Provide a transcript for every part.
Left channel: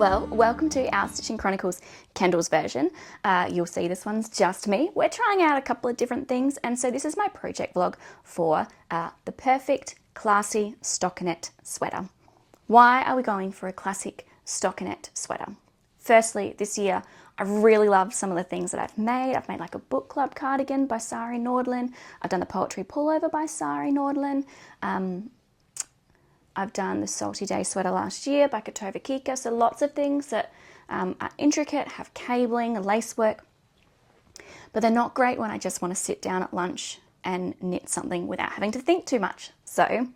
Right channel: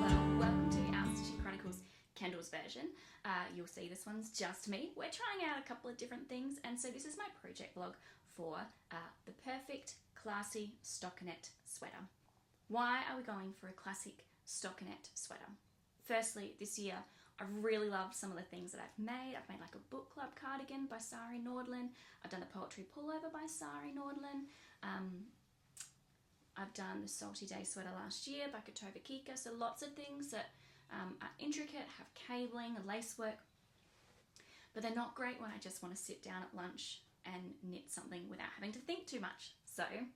Well, welcome to our Stitching Chronicles Kendall's version. You'll see this one's just me. We're trying out a couple of different things, and so this is my project vlog for the perfect classy stockinette sweater. Why are we going for a classic stockinette sweater? Firstly, this year I really loved some of the things that I've made. I've made like a book club cardigan by Sari Nordlund. I've done the poetry pullover by Sari Nordlund. I've done the Salty Day sweater last year by Katova Kika. So lots of things that are intricate, have cabling, lace work, but they're not great when I just want to sit down at lunch and knit something without having to think too much. So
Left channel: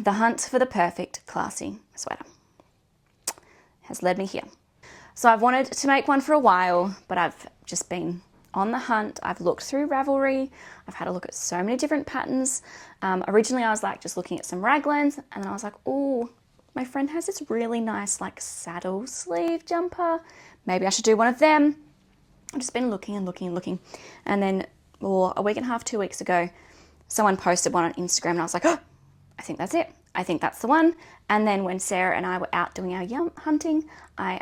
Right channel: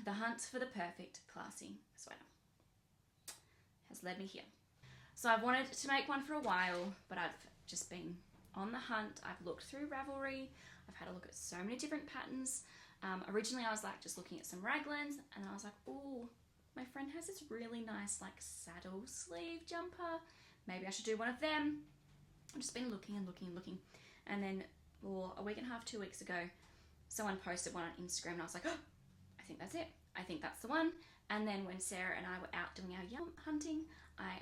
the hunt for the perfect classy sweater has led me here. So I've wanted to make one for a while, but I've just been on the hunt. I've looked through Ravelry. I've had a look at so many different patterns. Originally I was like just looking at some raglans, and then I was like, oh, my friend has this really nice like saddle sleeve jumper. Maybe I should do one of them. I've just been looking and looking and looking. And then a week and a half, 2 weeks ago, someone posted one on Instagram and I was like, oh, I think that's it. I think that's the one. And then when Sarah and I were out doing our hunting, I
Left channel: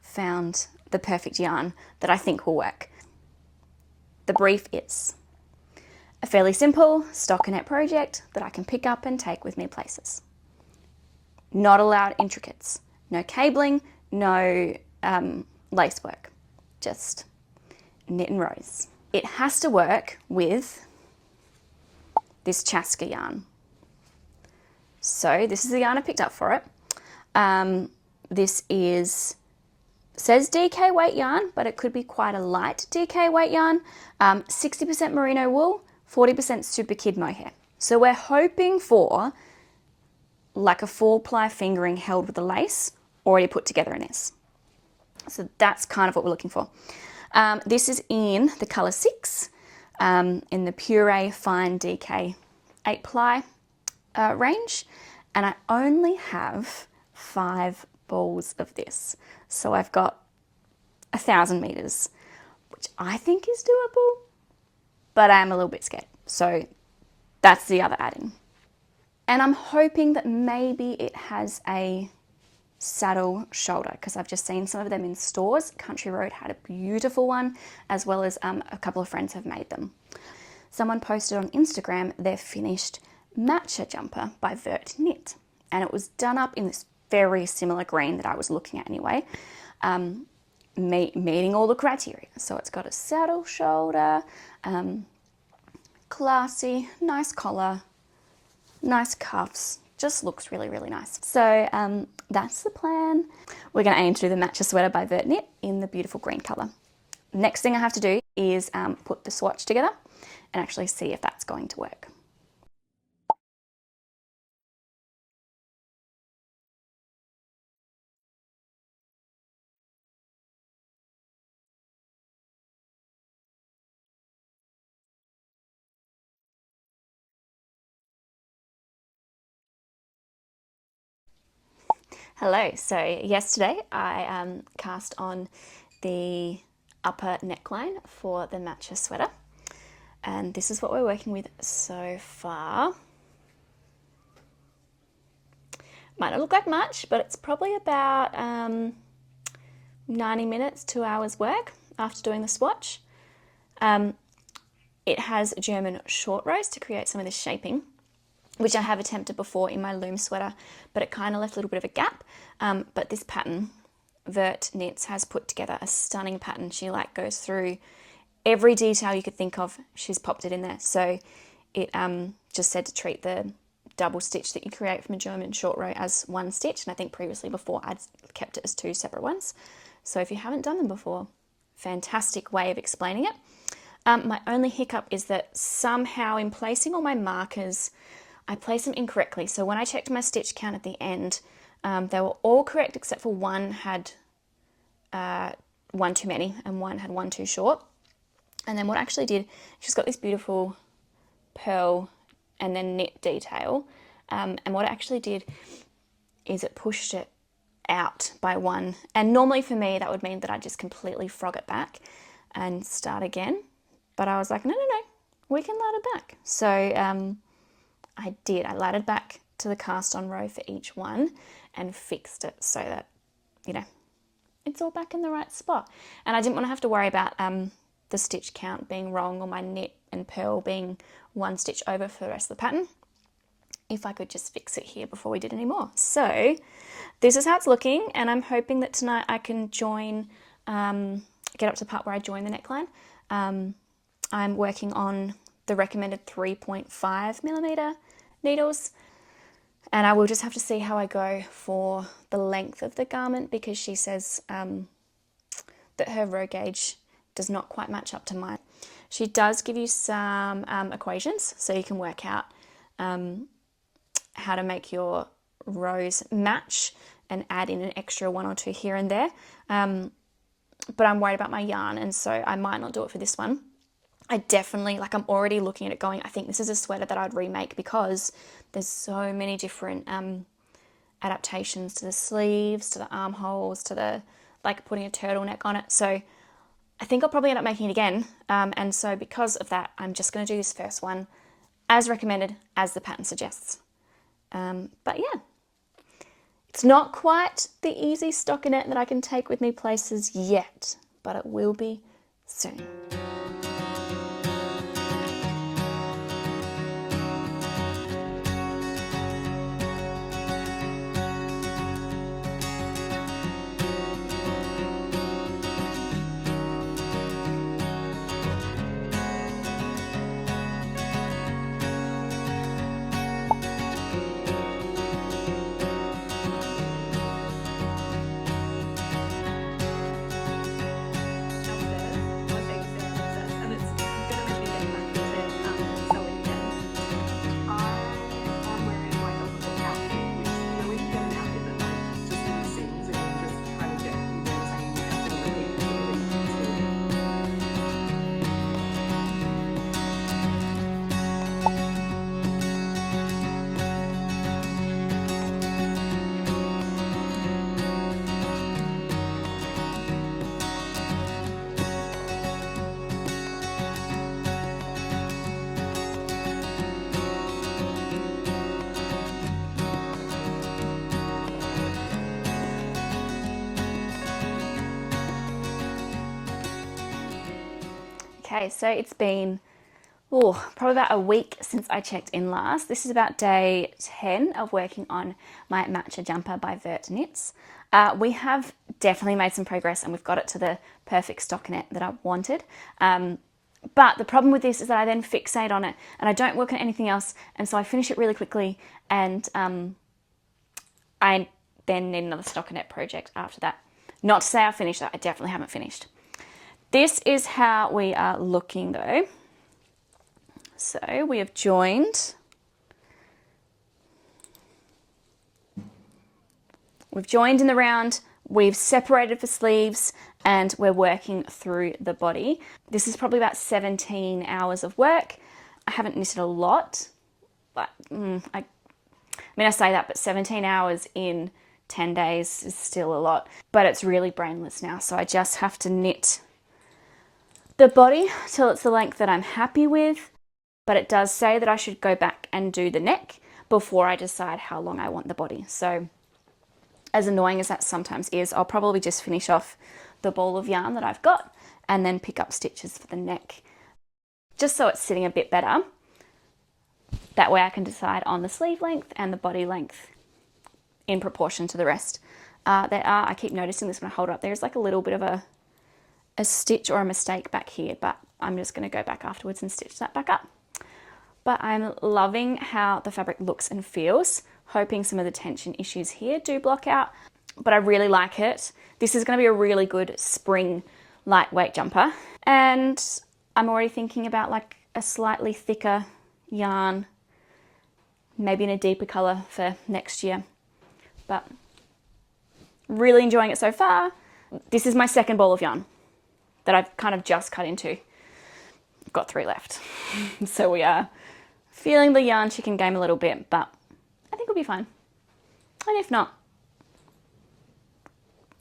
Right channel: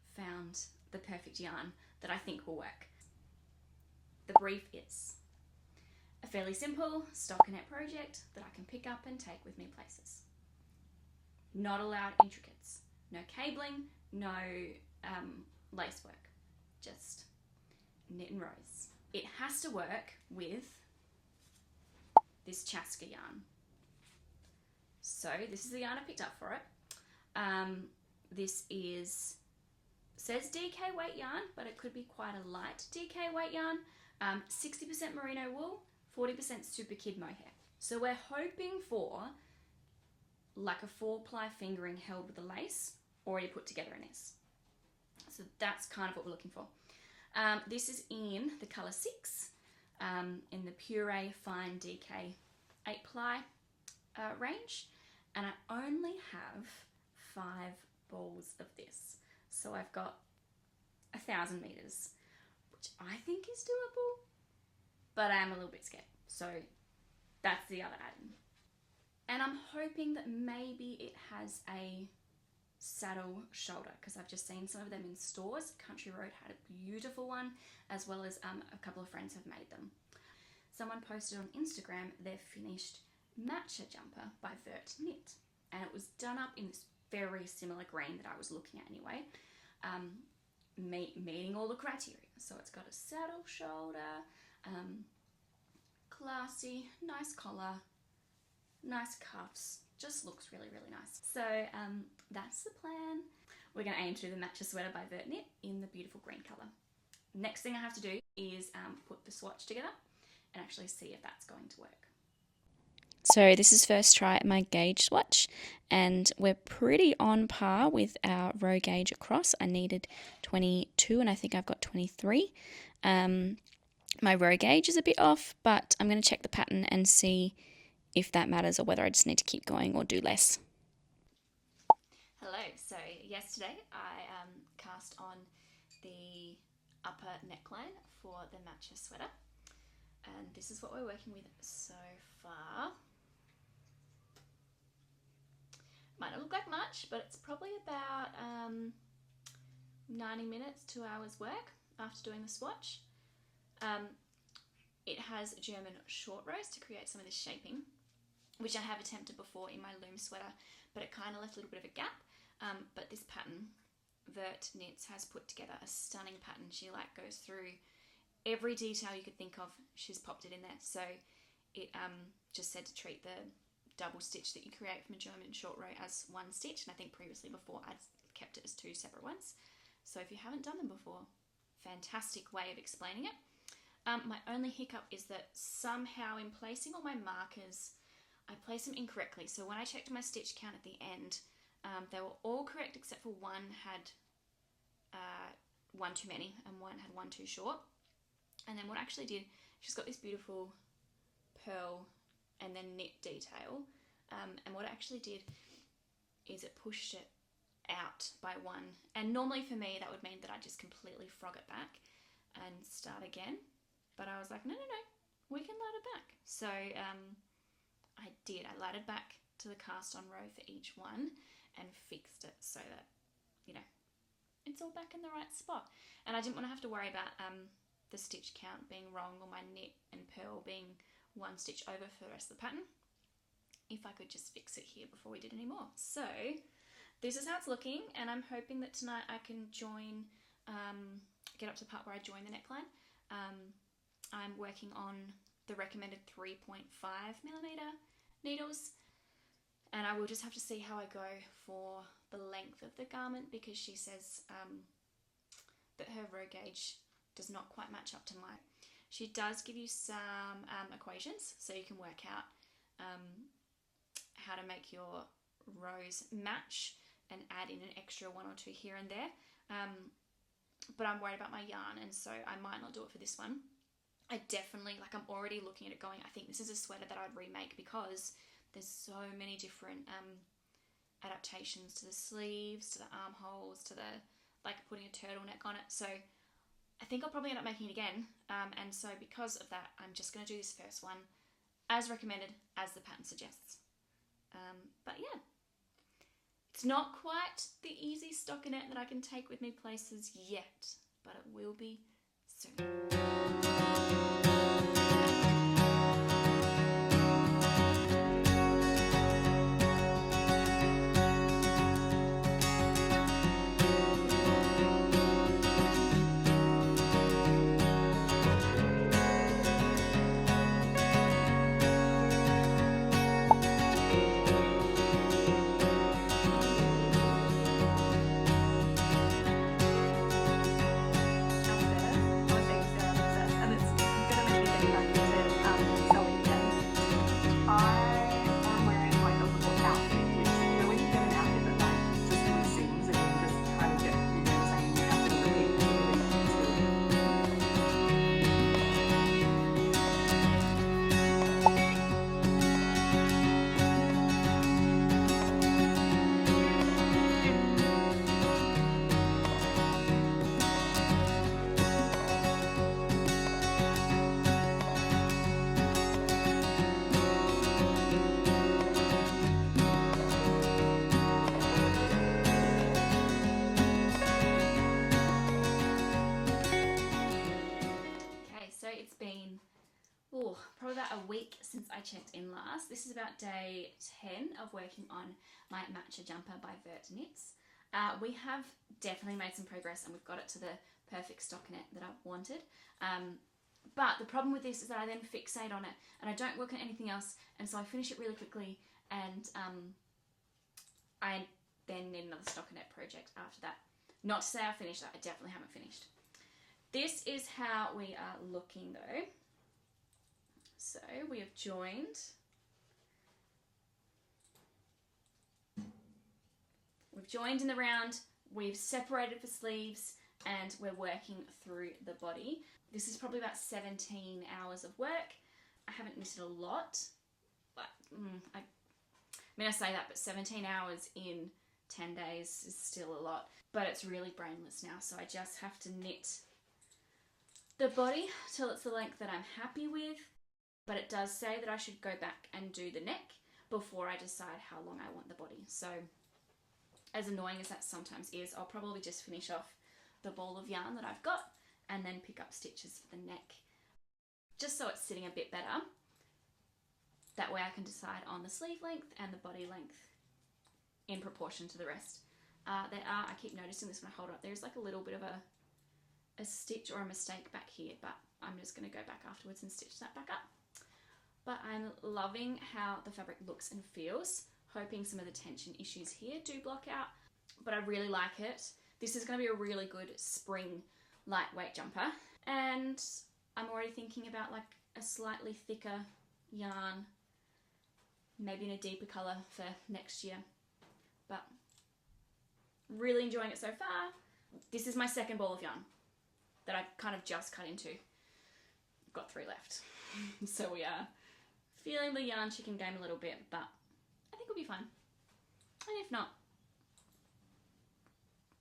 found the perfect yarn that I think will work. The brief is a fairly simple stockinette project that I can pick up and take with me places. Not allowed intricates, no cabling, no lace work, just knit and rows. It has to work with this Chaska yarn. So this is the yarn I picked up for it. This says DK weight yarn, but it could be quite a light DK weight yarn. 60% merino wool, 40% super kid mohair. So we're hoping for like a 4-ply fingering held with a lace already put together in this. So that's kind of what we're looking for. This is in the color 6, in the Puree Fine DK 8-ply range, and I only have 5 balls of this. So I've got 1,000 meters, which I think is doable, but I am a little bit scared. So that's the other add-in. And I'm hoping that maybe it has a saddle shoulder, because I've just seen some of them in stores. Country Road had a beautiful one, as well as a couple of friends have made them. Someone posted on Instagram their finished matcha jumper by Vert Knit, and it was done up in this very similar green that I was looking at anyway, meeting all the criteria. So it's got a saddle shoulder, classy, nice collar, nice cuffs, just looks really, really nice. So that's the plan. We're going to aim to do the matcha sweater by Vert Knit in the beautiful green color. Next thing I have to do is put the swatch together and actually see if that's going to work. So this is first try at my gauge swatch, and we're pretty on par with our row gauge across. I needed 22 and I think I've got 23. My row gauge is a bit off, but I'm going to check the pattern and see if that matters or whether I just need to keep going or do less. Hello, so yesterday I cast on the upper neckline for the matcha sweater, and this is what we're working with so far. Might not look like much, but it's probably about 90 minutes, 2 hours work after doing the swatch. It has German short rows to create some of this shaping, which I have attempted before in my loom sweater, but it kind of left a little bit of a gap. But this pattern, Vert Knits, has put together a stunning pattern. She like goes through every detail you could think of. She's popped it in there. So it just said to treat the double stitch that you create from a German short row as one stitch, and I think previously before I'd kept it as 2 separate ones. So if you haven't done them before, fantastic way of explaining it. My only hiccup is that somehow in placing all my markers, I placed them incorrectly. So when I checked my stitch count at the end, they were all correct except for one had one too many and one had one too short. And then what I actually did, she's got this beautiful pearl and then knit detail, and what it actually did is it pushed it out by one, and normally for me that would mean that I just completely frog it back and start again, but I was like, no, we can ladder back. So I laddered back to the cast on row for each one, and fixed it so that, you know, it's all back in the right spot. And I didn't want to have to worry about the stitch count being wrong or my knit and purl being one stitch over for the rest of the pattern, if I could just fix it here before we did any more. So this is how it's looking, and I'm hoping that tonight I can join, get up to the part where I join the neckline. I'm working on the recommended 3.5mm needles, and I will just have to see how I go for the length of the garment, because she says that her row gauge does not quite match up to mine. She does give you some equations so you can work out how to make your rows match and add in an extra 1 or 2 here and there. But I'm worried about my yarn, and so I might not do it for this one. I definitely, like, I'm already looking at it going, I think this is a sweater that I'd remake, because there's so many different adaptations to the sleeves, to the armholes, to the, like, putting a turtleneck on it. So I think I'll probably end up making it again. And so because of that, I'm just going to do this first one as recommended, as the pattern suggests. But yeah, it's not quite the easy stockinette that I can take with me places yet, but it will be soon. Okay, so it's been probably about a week since I checked in last. This is about day 10 of working on my Matcha jumper by Vert Knits. We have definitely made some progress, and we've got it to the perfect stockinette that I wanted. But the problem with this is that I then fixate on it and I don't work on anything else, and so I finish it really quickly, and I then need another stockinette project after that. Not to say I finished that, I definitely haven't finished. This is how we are looking though. So we have joined. We've joined in the round, we've separated for sleeves, and we're working through the body. This is probably about 17 hours of work. I haven't knitted a lot, but I say that, but 17 hours in 10 days is still a lot. But it's really brainless now, so I just have to knit the body till it's the length that I'm happy with. But it does say that I should go back and do the neck before I decide how long I want the body. So as annoying as that sometimes is, I'll probably just finish off the ball of yarn that I've got and then pick up stitches for the neck, just so it's sitting a bit better. That way I can decide on the sleeve length and the body length in proportion to the rest. I keep noticing this when I hold it up, there's like a little bit of a stitch or a mistake back here, but I'm just going to go back afterwards and stitch that back up. But I'm loving how the fabric looks and feels, hoping some of the tension issues here do block out, but I really like it. This is going to be a really good spring lightweight jumper, and I'm already thinking about like a slightly thicker yarn, maybe in a deeper colour for next year, but really enjoying it so far. This is my second ball of yarn that I've kind of just cut into. I've got 3 left. So we are feeling the yarn chicken game a little bit, but I think it'll be fine. And if not,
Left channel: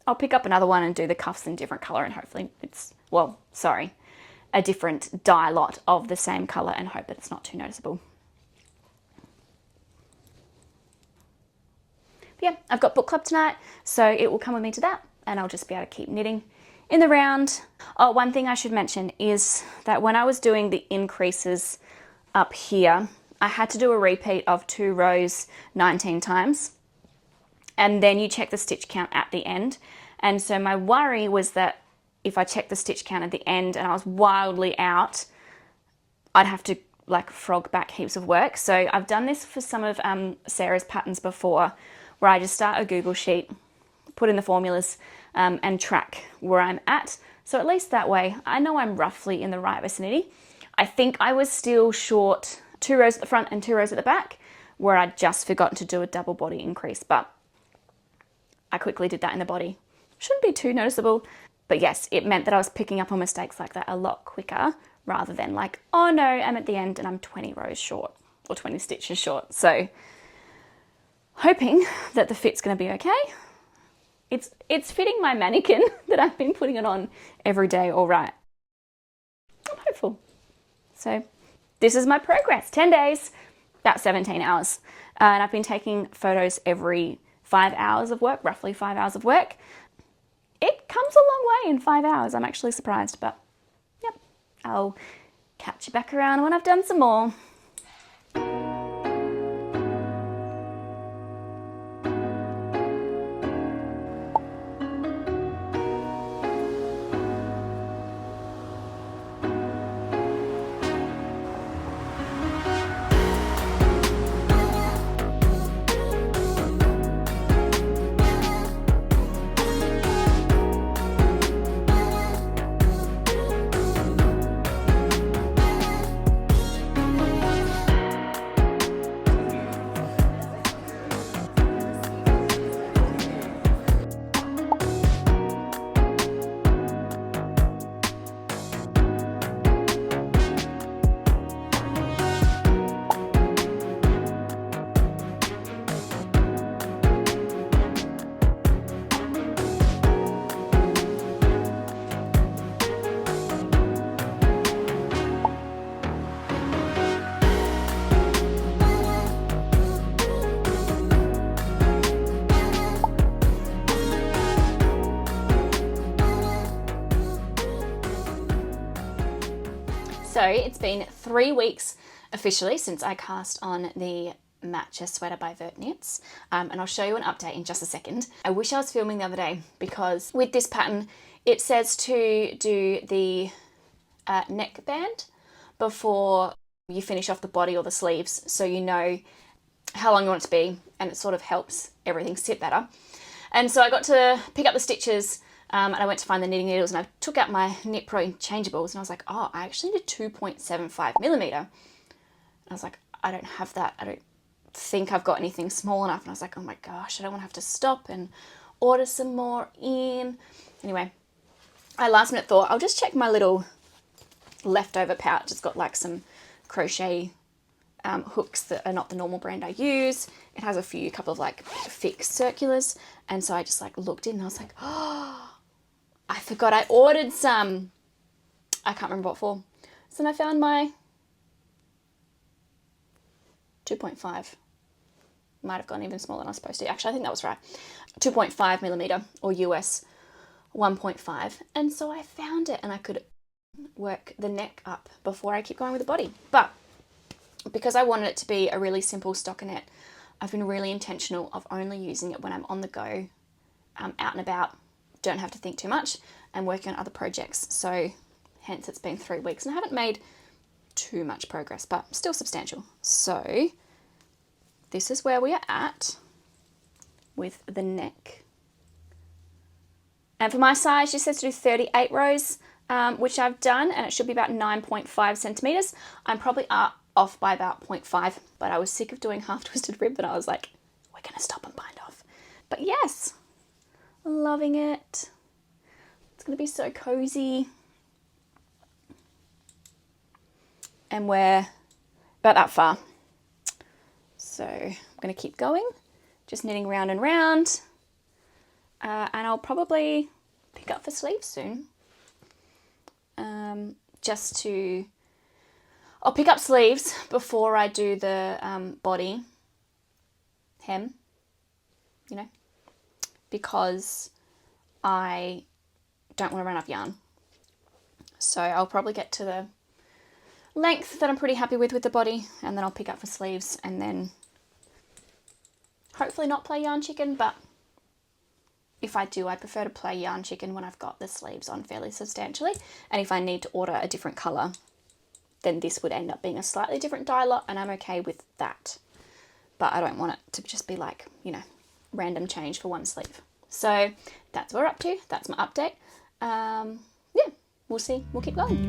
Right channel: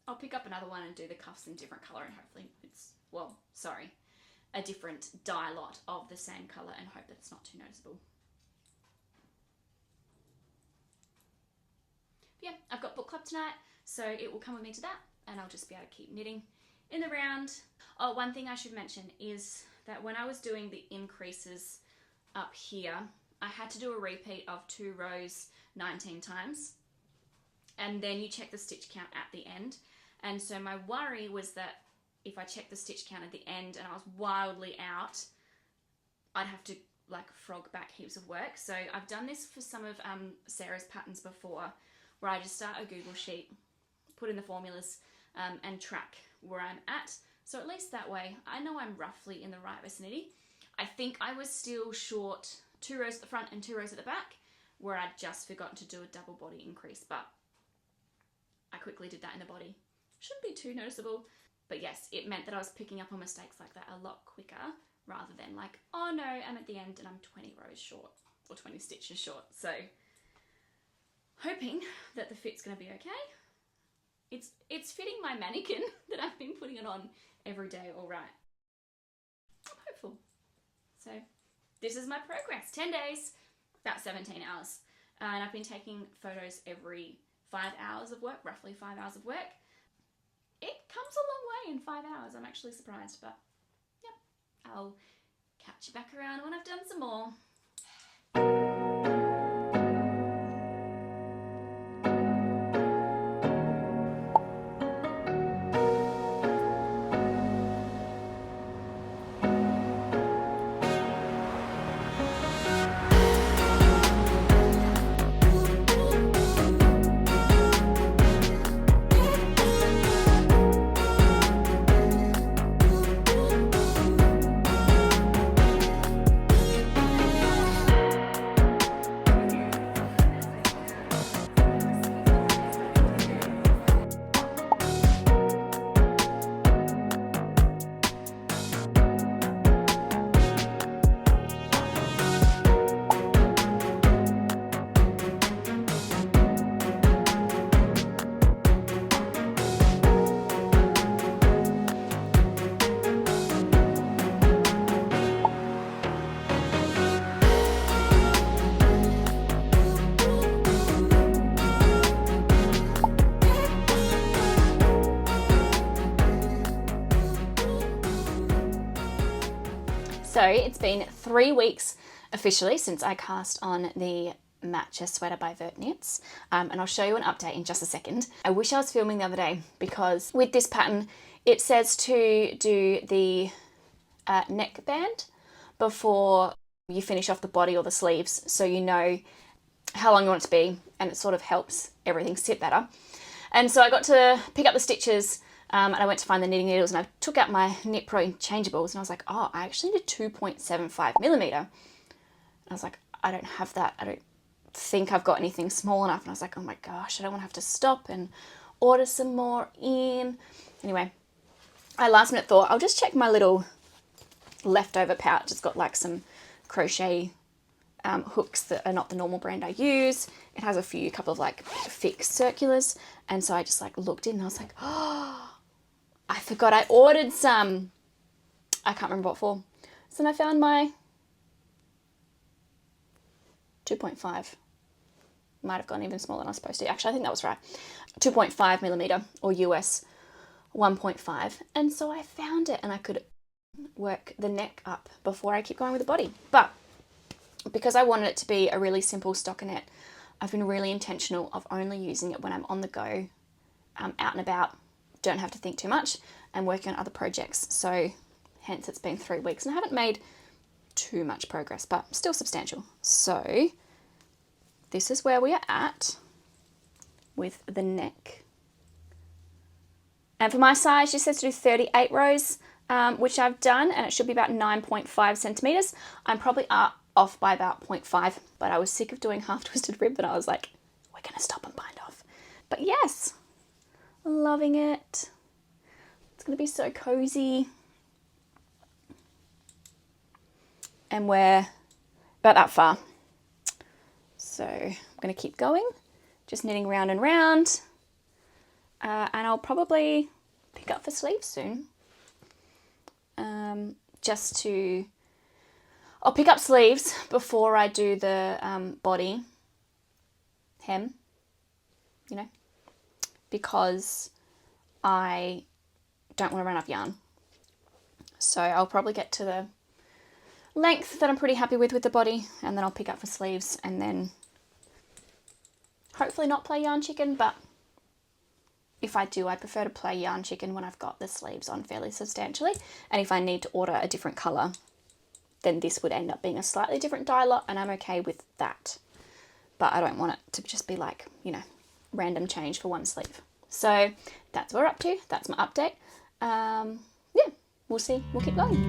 I'll pick up another one and do the cuffs in different colour, and hopefully it's, a different dye lot of the same colour, and hope that it's not too noticeable. yeah, I've got book club tonight, so it will come with me to that, and I'll just be able to keep knitting in the round. Oh, one thing I should mention is that when I was doing the increases up here, I had to do a repeat of 2 rows 19 times, and then you check the stitch count at the end. And so my worry was that if I checked the stitch count at the end and I was wildly out, I'd have to like frog back heaps of work. So I've done this for some of Sarah's patterns before, where I just start a Google sheet, put in the formulas, and track where I'm at. So at least that way I know I'm roughly in the right vicinity. I think I was still short 2 rows at the front and 2 rows at the back, where I'd just forgotten to do a double body increase, but I quickly did that in the body. Shouldn't be too noticeable, but yes, it meant that I was picking up on mistakes like that a lot quicker, rather than like, oh no, I'm at the end and I'm 20 rows short or 20 stitches short. So hoping that the fit's going to be okay. It's fitting my mannequin that I've been putting it on every day all right. I'm hopeful. So this is my progress. 10 days, about 17 hours. And I've been taking photos every 5 hours of work, roughly 5 hours of work. It comes a long way in 5 hours. I'm actually surprised, but yep, I'll catch you back around when I've done some more. So it's been 3 weeks officially since I cast on the Matcha sweater by Vert Knits, and I'll show you an update in just a second. I wish I was filming the other day, because with this pattern it says to do the neck band before you finish off the body or the sleeves, so you know how long you want it to be, and it sort of helps everything sit better. And so I got to pick up the stitches, and I went to find the knitting needles, and I took out my Knit Pro interchangeables, and I was like, oh, I actually need a 2.75 millimeter. And I was like, I don't have that. I don't think I've got anything small enough. And I was like, oh my gosh, I don't want to have to stop and order some more in. Anyway, I last minute thought, I'll just check my little leftover pouch. It's got like some crochet hooks that are not the normal brand I use. It has a couple of like fixed circulars. And so I just like looked in and I was like, oh, I forgot I ordered some. I can't remember what for. So then I found my 2.5. Might have gone even smaller than I was supposed to. Actually, I think that was right. 2.5 millimeter or US 1.5. And so I found it, and I could work the neck up before I keep going with the body. But because I wanted it to be a really simple stockinette, I've been really intentional of only using it when I'm on the go, out and about, don't have to think too much, and working on other projects. So hence it's been 3 weeks, and I haven't made too much progress, but still substantial. So this is where we are at with the neck. And for my size, she says to do 38 rows, which I've done, and it should be about 9.5 centimeters. I'm probably off by about 0.5, but I was sick of doing half twisted rib, and I was like, we're gonna stop and bind off. But yes, loving it. It's gonna be so cozy. And we're about that far. So I'm gonna keep going, just knitting round and round. And I'll probably pick up for sleeves soon. I'll pick up sleeves before I do the body hem. you know, because I don't want to run out of yarn. So I'll probably get to the length that I'm pretty happy with the body, and then I'll pick up for sleeves, and then hopefully not play yarn chicken, but if I do, I prefer to play yarn chicken when I've got the sleeves on fairly substantially. And if I need to order a different colour, then this would end up being a slightly different dye lot, and I'm okay with that. But I don't want it to just be like, you know, random change for one sleeve. So that's what we're up to. That's my update. Yeah, we'll see. We'll keep going.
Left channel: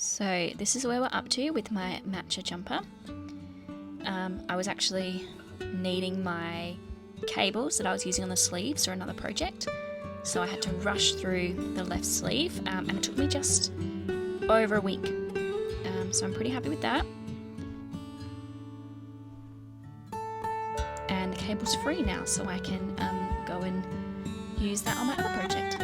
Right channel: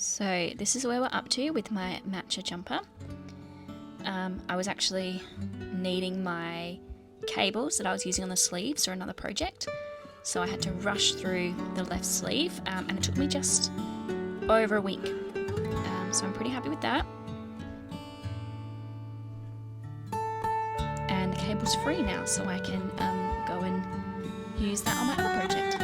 So this is where we're up to with my matcha jumper. I was actually needing my cables that I was using on the sleeves for another project, so I had to rush through the left sleeve, and it took me just over a week. So I'm pretty happy with that. And the cable's free now, so I can go and use that on my other project.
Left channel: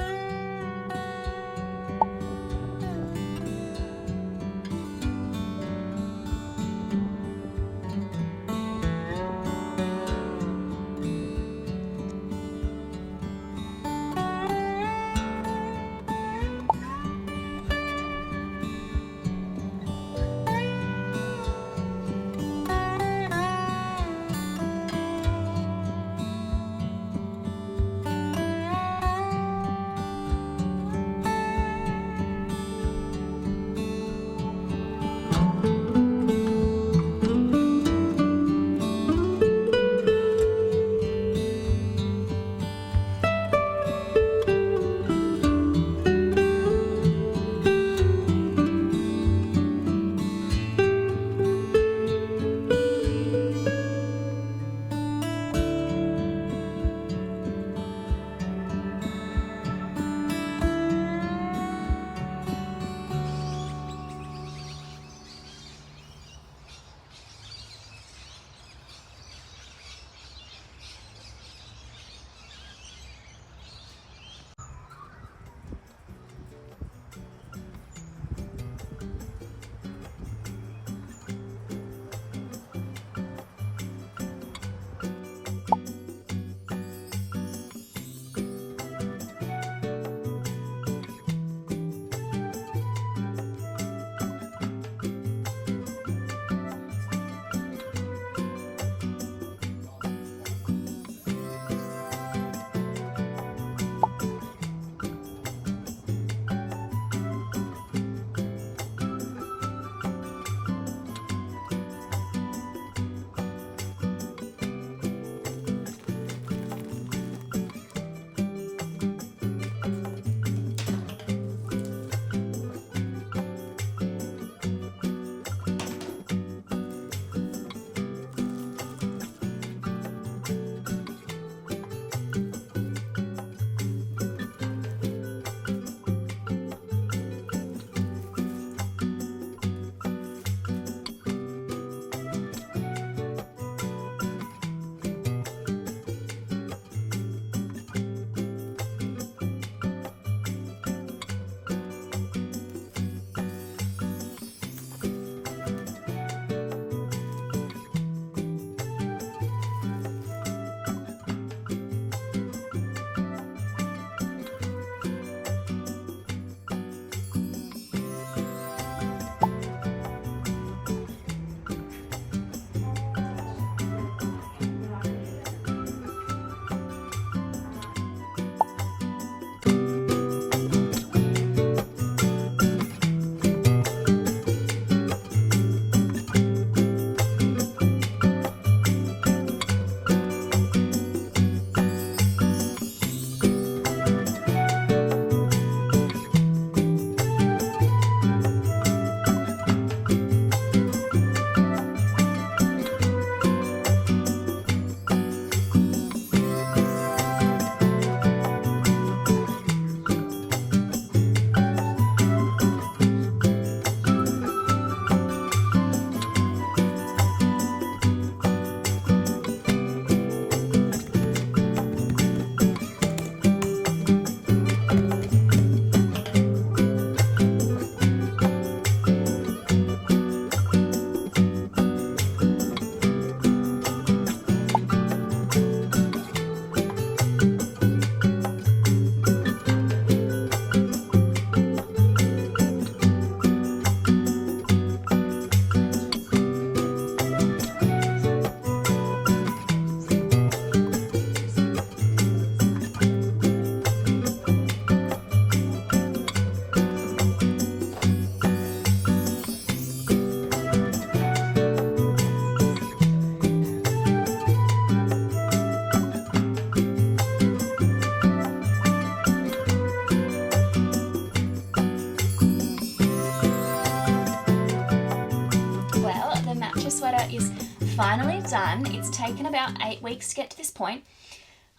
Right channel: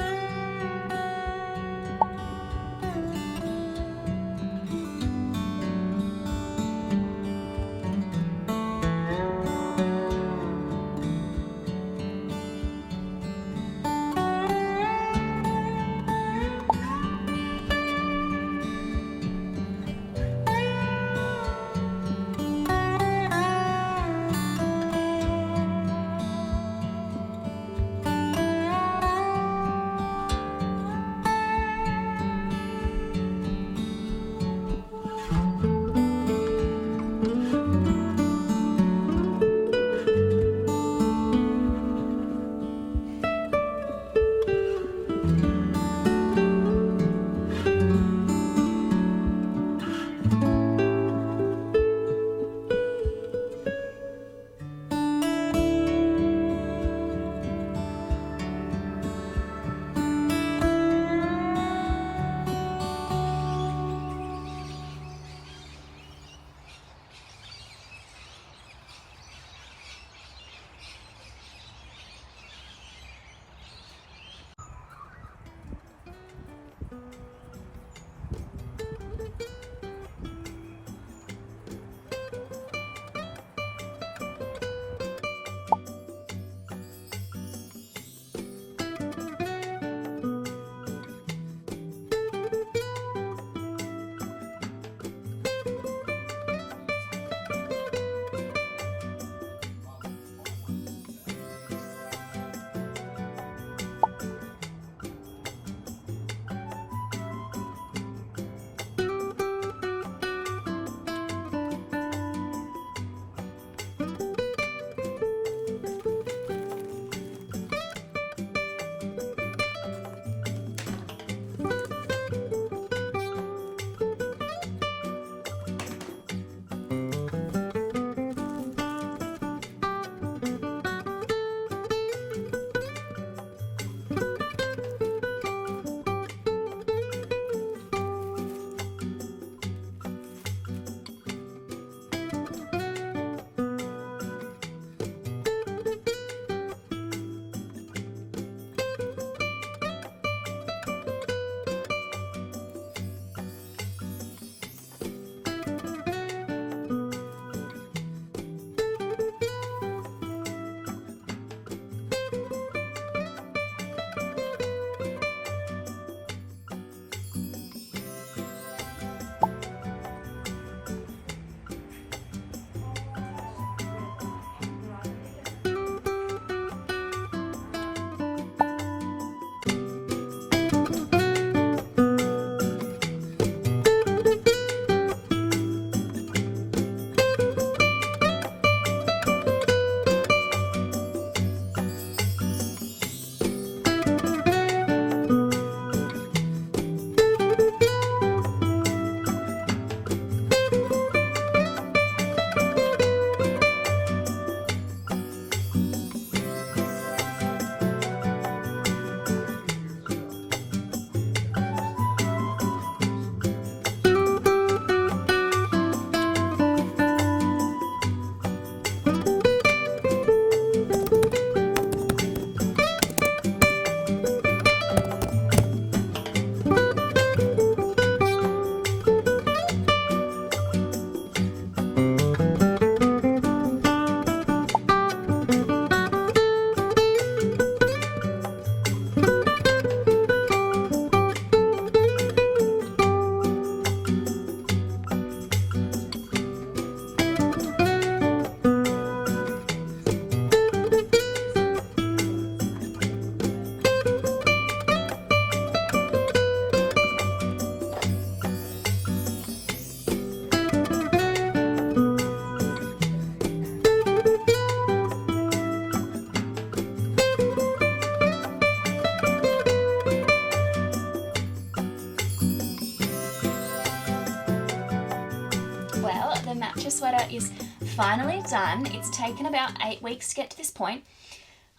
sweater is finally done. It's taken about 8 weeks to get to this point.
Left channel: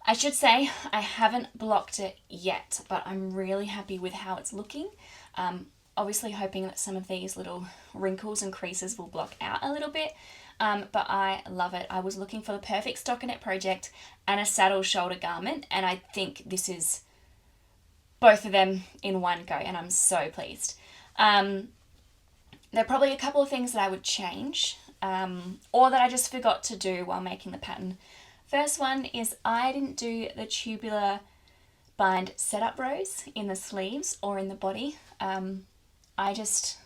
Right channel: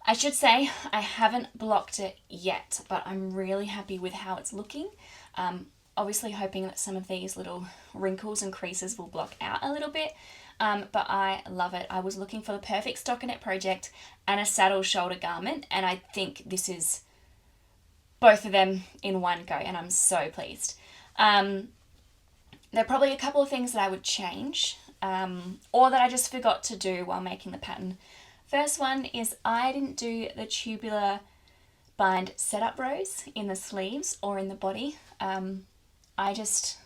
I should say I haven't blocked it yet, but I'm really happy with how it's looking. Obviously hoping that some of these little wrinkles and creases will block out a little bit, but I love it. I was looking for the perfect stockinette project and a saddle shoulder garment, and I think this is both of them in one go, and I'm so pleased. There are probably a couple of things that I would change, or that I just forgot to do while making the pattern. First one is I didn't do the tubular bind setup rows in the sleeves or in the body. I just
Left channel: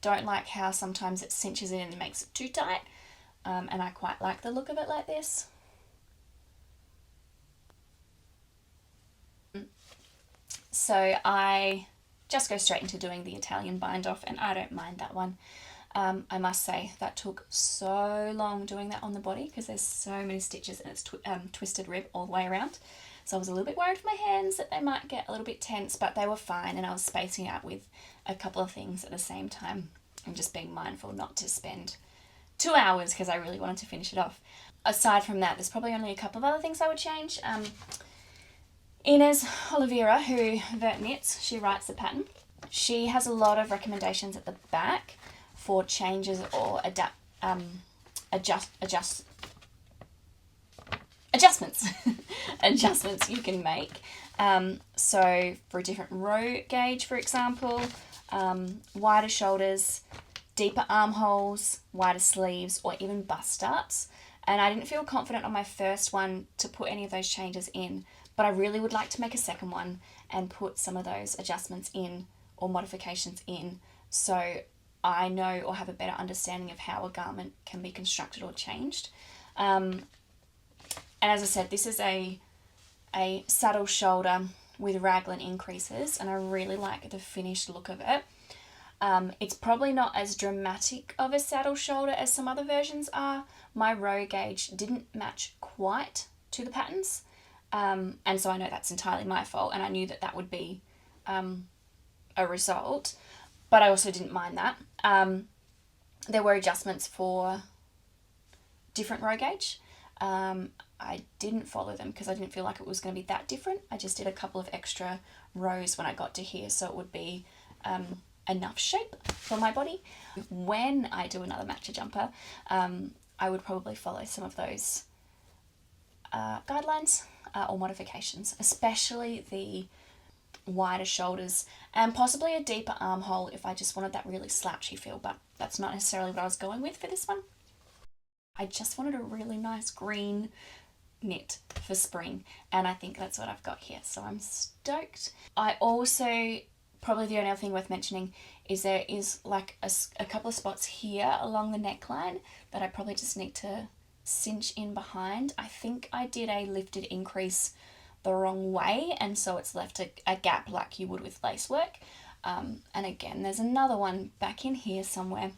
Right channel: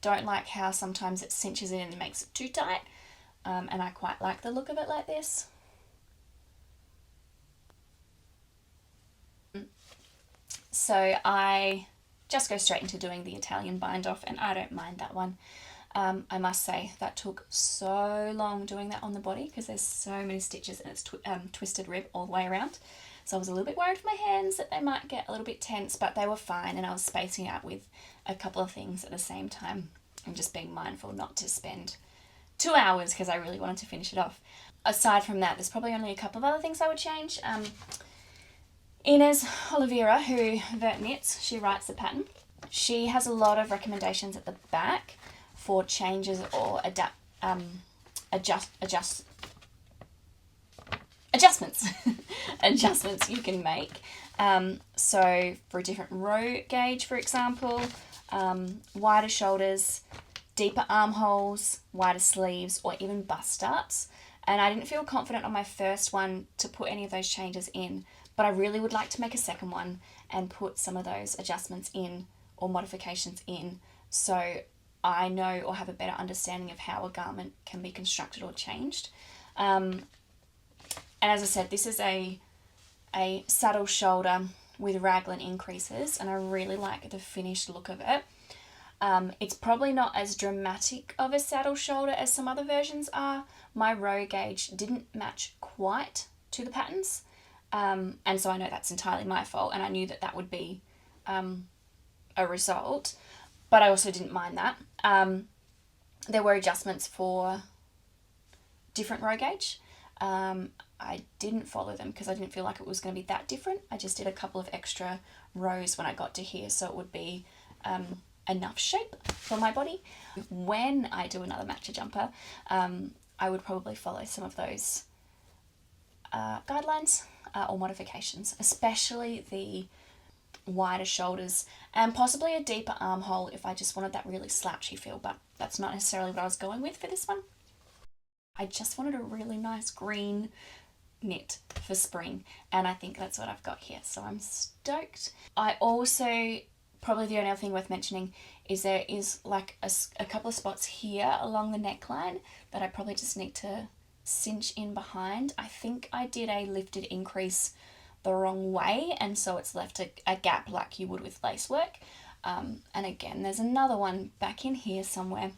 don't like how sometimes it cinches in and makes it too tight, and I quite like the look of it like this. So I just go straight into doing the Italian bind off, and I don't mind that one. I must say that took so long doing that on the body because there's so many stitches and it's twisted rib all the way around. So I was a little bit worried for my hands that they might get a little bit tense, but they were fine, and I was spacing out with a couple of things at the same time and just being mindful not to spend 2 hours because I really wanted to finish it off. Aside from that, there's probably only a couple of other things I would change. Inez Oliveira, who Vert Knits, she writes the pattern. She has a lot of recommendations at the back for changes or adjustments adjustments you can make. So for a different row gauge, for example, wider shoulders, deeper armholes, wider sleeves, or even bust starts. And I didn't feel confident on my first one to put any of those changes in, but I really would like to make a second one and put some of those adjustments in or modifications in, so I know or have a better understanding of how a garment can be constructed or changed. And as I said, this is a saddle shoulder with raglan increases, and I really like the finished look of it. It's probably not as dramatic of a saddle shoulder as some other versions are. My row gauge didn't match quite to the patterns, and so I know that's entirely my fault, and I knew that that would be a result, but I also didn't mind that. There were adjustments for different row gauge. I didn't follow them because I didn't feel like it was going to be that different. I just did a couple of extra rows when I got to here, so it would be enough shape for my body. When I do another matcha jumper, I would probably follow some of those guidelines or modifications, especially the wider shoulders and possibly a deeper armhole if I just wanted that really slouchy feel, but that's not necessarily what I was going with for this one. I just wanted a really nice green knit for spring, and I think that's what I've got here, so I'm stoked. I also, probably the only other thing worth mentioning is there is like a couple of spots here along the neckline that I probably just need to cinch in behind. I think I did a lifted increase the wrong way, and so it's left a gap like you would with lace work. And again, there's another one back in here somewhere.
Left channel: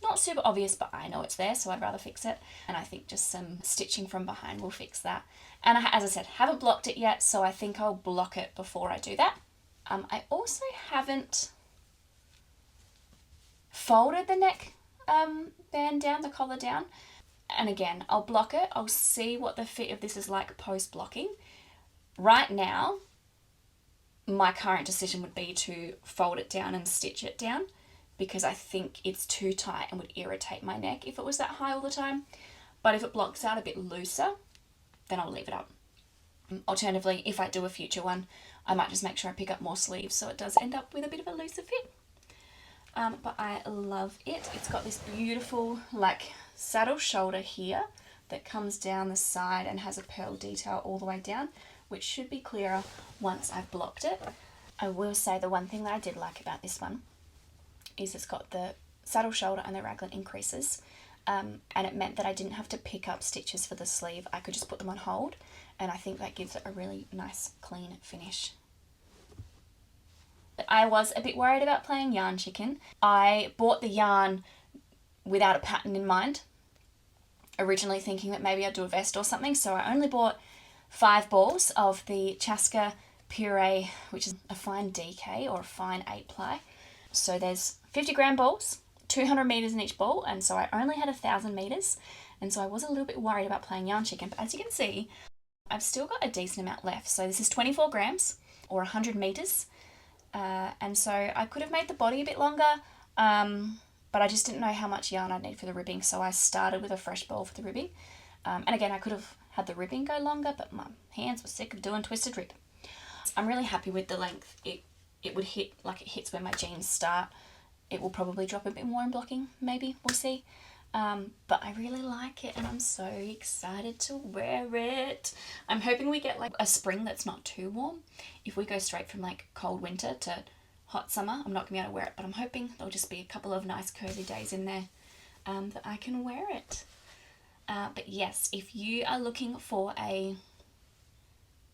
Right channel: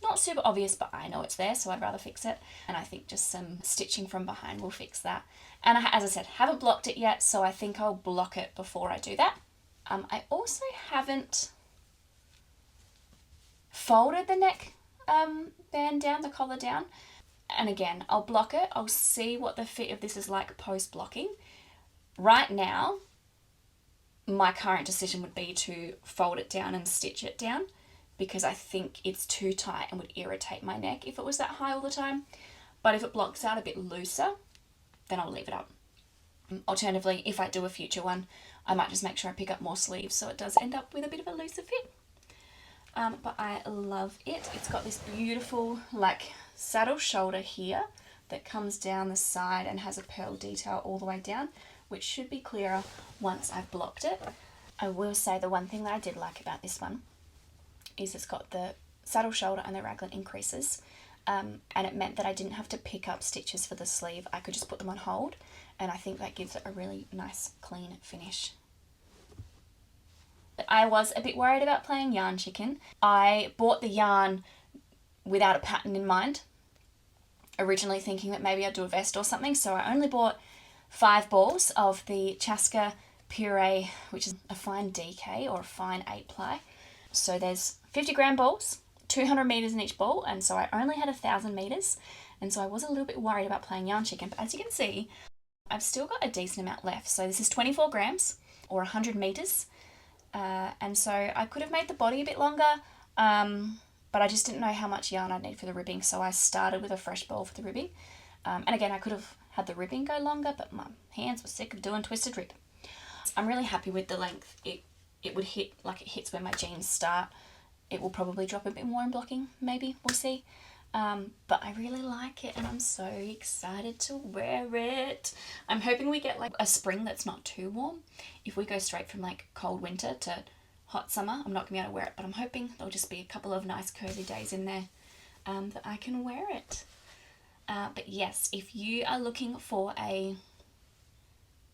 Not super obvious, but I know it's there, so I'd rather fix it. And I think just some stitching from behind will fix that. And as I said, haven't blocked it yet, so I think I'll block it before I do that. I also haven't folded the neck band down, the collar down. And again, I'll block it. I'll see what the fit of this is like post-blocking. Right now, my current decision would be to fold it down and stitch it down, because I think it's too tight and would irritate my neck if it was that high all the time. But if it blocks out a bit looser, then I'll leave it up. Alternatively, if I do a future one, I might just make sure I pick up more sleeves so it does end up with a bit of a looser fit. But I love it. It's got this beautiful like saddle shoulder here that comes down the side and has a pearl detail all the way down, which should be clearer once I've blocked it. I will say the one thing that I did like about this one is it's got the saddle shoulder and the raglan increases, and it meant that I didn't have to pick up stitches for the sleeve. I could just put them on hold, and I think that gives it a really nice clean finish. I was a bit worried about playing yarn chicken. I bought the yarn without a pattern in mind, originally thinking that maybe I'd do a vest or something, so I only bought 5 balls of the Chaska Puree, which is a fine DK or a fine 8 ply. So there's 50 gram balls, 200 meters in each ball, and so I only had 1,000 meters, and so I was a little bit worried about playing yarn chicken. But as you can see, I've still got a decent amount left. So this is 24 grams or 100 meters, and so I could have made the body a bit longer, but I just didn't know how much yarn I'd need for the ribbing, so I started with a fresh ball for the ribbing. And again, I could have had the ribbing go longer, but my hands were sick of doing twisted rib. I'm really happy with the length. It would hit, like it hits where my jeans start. It will probably drop a bit more in blocking, maybe, we'll see. But I really like it and I'm so excited to wear it. I'm hoping we get like a spring that's not too warm. If we go straight from like cold winter to hot summer, I'm not gonna be able to wear it, but I'm hoping there'll just be a couple of nice cozy days in there that I can wear it. But yes, if you are looking for a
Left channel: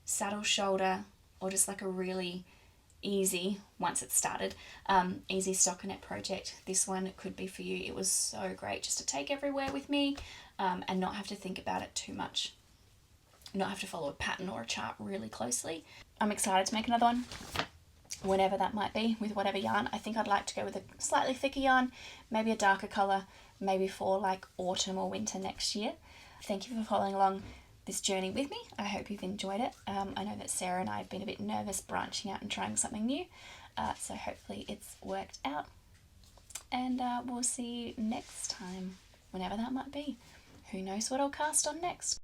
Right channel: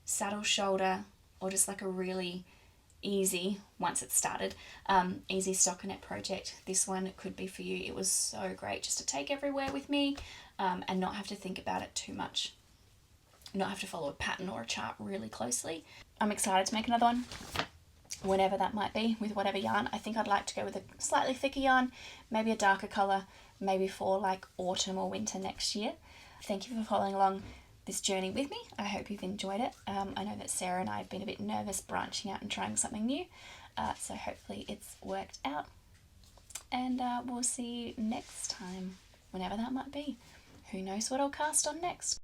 saddle shoulder or just like a really easy, once it's started, easy stockinette project, this one could be for you. It was so great just to take everywhere with me and not have to think about it too much, not have to follow a pattern or a chart really closely. I'm excited to make another one, whenever that might be, with whatever yarn. I think I'd like to go with a slightly thicker yarn, maybe a darker colour, maybe for like autumn or winter next year. Thank you for following along this journey with me. I hope you've enjoyed it. I know that Sarah and I have been a bit nervous branching out and trying something new, so hopefully it's worked out, and we'll see you next time, whenever that might be. Who knows what I'll cast on next.